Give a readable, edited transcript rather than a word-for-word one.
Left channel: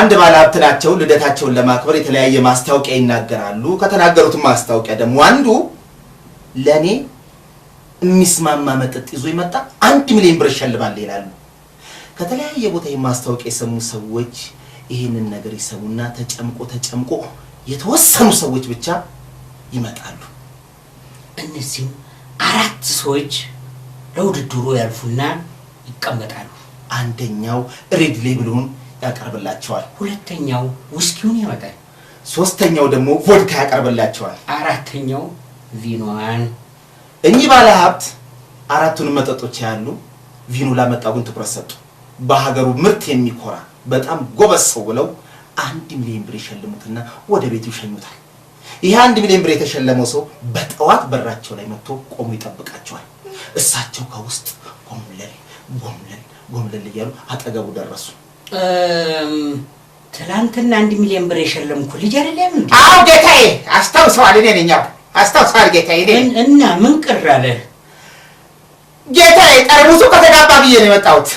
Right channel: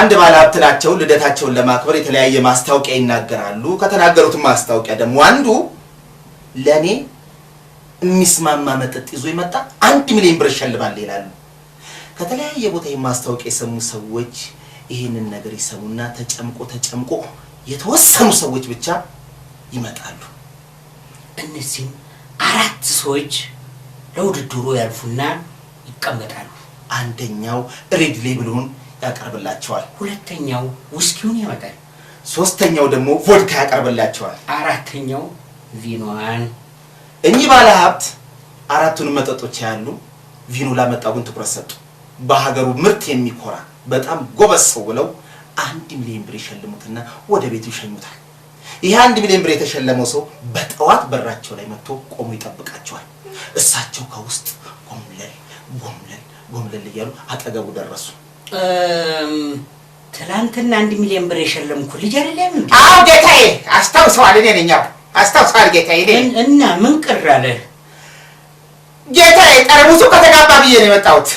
አንድ ባለሀብት ናቸው። ልደታቸውን ለማክበር የተለያየ ማስታወቂያ ይናገራሉ። ከተናገሩት ማስታወቂያ ደግሞ አንዱ ለኔ የሚስማማ መጠጥ ይዞ ይመጣ 1 ሚሊዮን ብር ይሸልማል ይላሉ። ከተለያየ ቦታ የማስታወቂያ የሰሙ ሰዎች ይሄንን ነገር ይሰሙና ተጨምቆ የተወሰኑ ሰዎች ብቻ ይመጣሉ። እነዚህም 4 ሰዎች ለውድድሩ ያልፉና ይቀመጣሉ። አንደኛው ሬድ ሌብሉን ያቀርብላቸዋል። ሁለተኛው ውስኪውን ያመጣል። ሶስተኛው ደግሞ ቮድካ ያቀርብላቸዋል። አራተኛው ቪኖዋን። እኚህ ባለሀብት 4ቱን መጠጦች ያሉ ቪኖ ላመጣው ግን ትኩረት ሰጡ። በሀገሩ ምርት የሚኮራ በጣም ጎበዝ ሰው ብለው 1 ሚሊዮን ብር ይሸልሙትና ወደ ቤቱ ይሸኙታል። ይሄ 1 ሚሊዮን ብር የተሸለመው ሰው በጠዋት በራቸው ላይ መጥቶ ቆሞ ይጠብቃቸዋል። እሳቸው ከውስጥ ጎምለል እያሉ አጠገቡ ደረሱ። ትላንትና 1 ሚሊዮን ብር የሸለምኩ ልጅ አይደለም እንዴ? አዎ ጌታዬ፣ አስታውሰዋል። እኔ ነኝ። አስታውሰዋል ጌታዬ። እና ምን ቅር አለ? ጌታዬ ጠርሙሱ ከተጋባ ብዬ ነው የመጣሁት።